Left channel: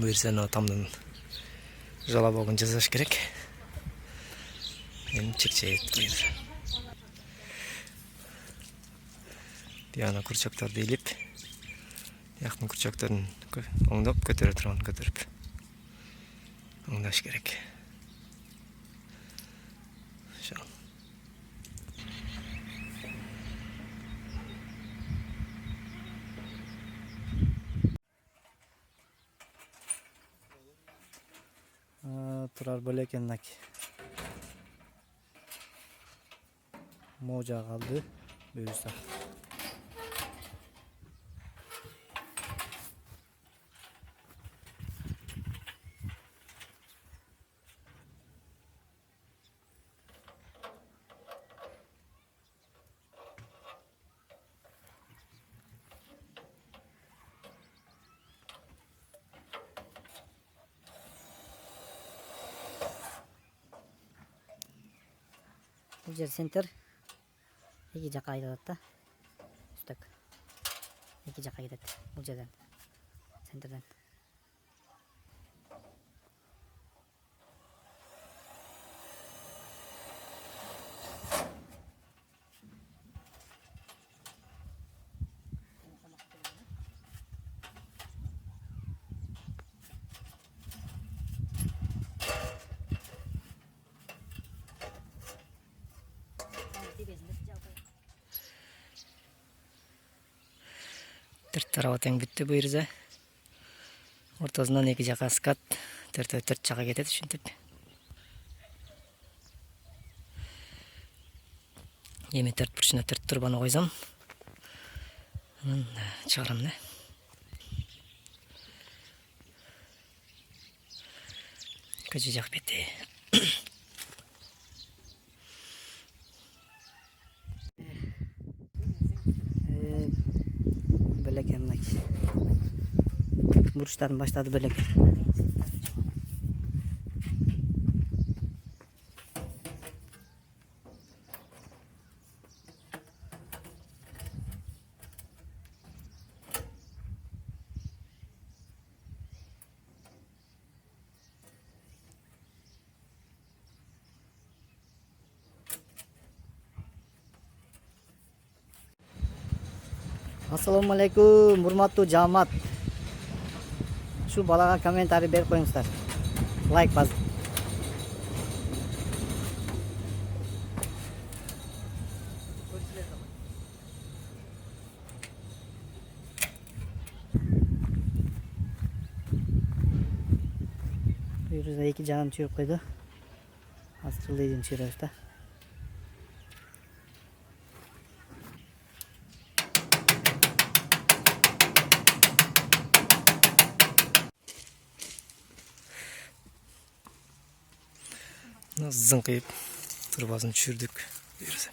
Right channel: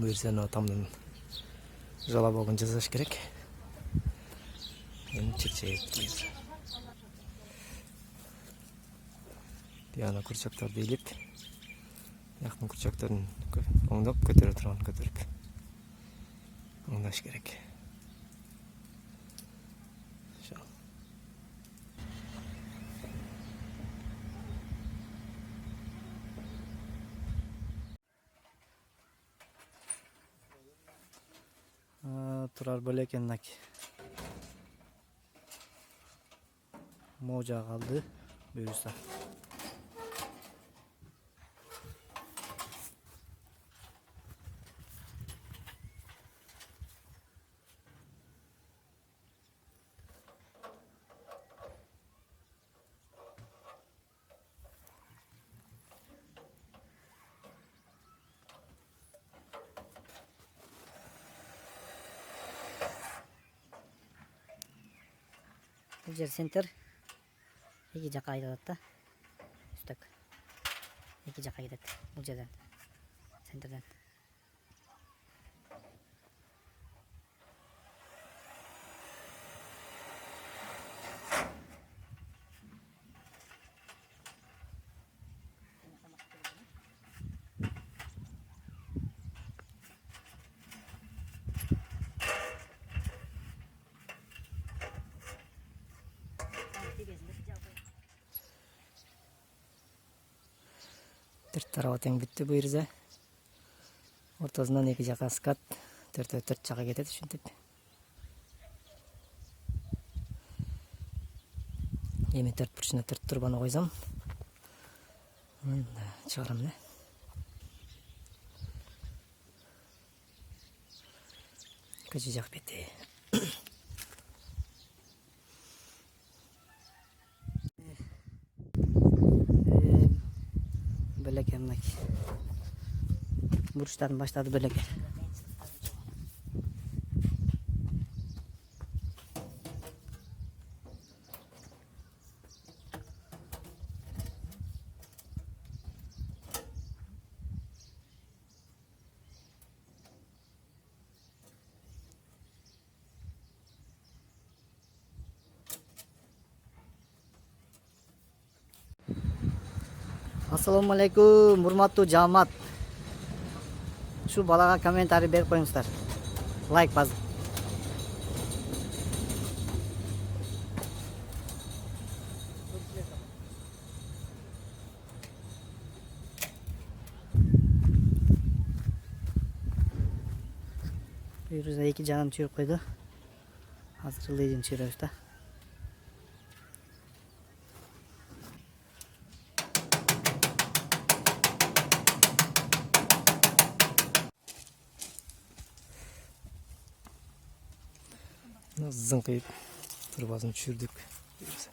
Buyursa o tamdan жала болгон жасаш керек. Эми чекчейт бuyur. Тияна курчактарды илип, яктын курчактарын оңдоп көтөрө турган көтөрүп оңдош керек. Турар бөлекеннак можа калды буюрса. Бұл жер центр екі жаққа айдалады да, үстік екі жаққа кетеді бұл жерден, центрден. Төрт тарабы тең бүтті бұйырза. Ортасынан екі жаққа скат, төрт жаққа кетеді үшінтіп. Еме төрт бұрышына төрт тұрбаны қойсам. Шығарам не? Көзі жақ беті. Bölekenmek. Burçların başladı böleken. Assalamualaikum, урматтуу жамаат. Şu балага комментарий берип коюңуздар. Лайк басып. Бuyursa iki canım çürük koydu. Hazırlayın çürüyoruz da. Zınkayıp turbasını çürdük. Buyursa.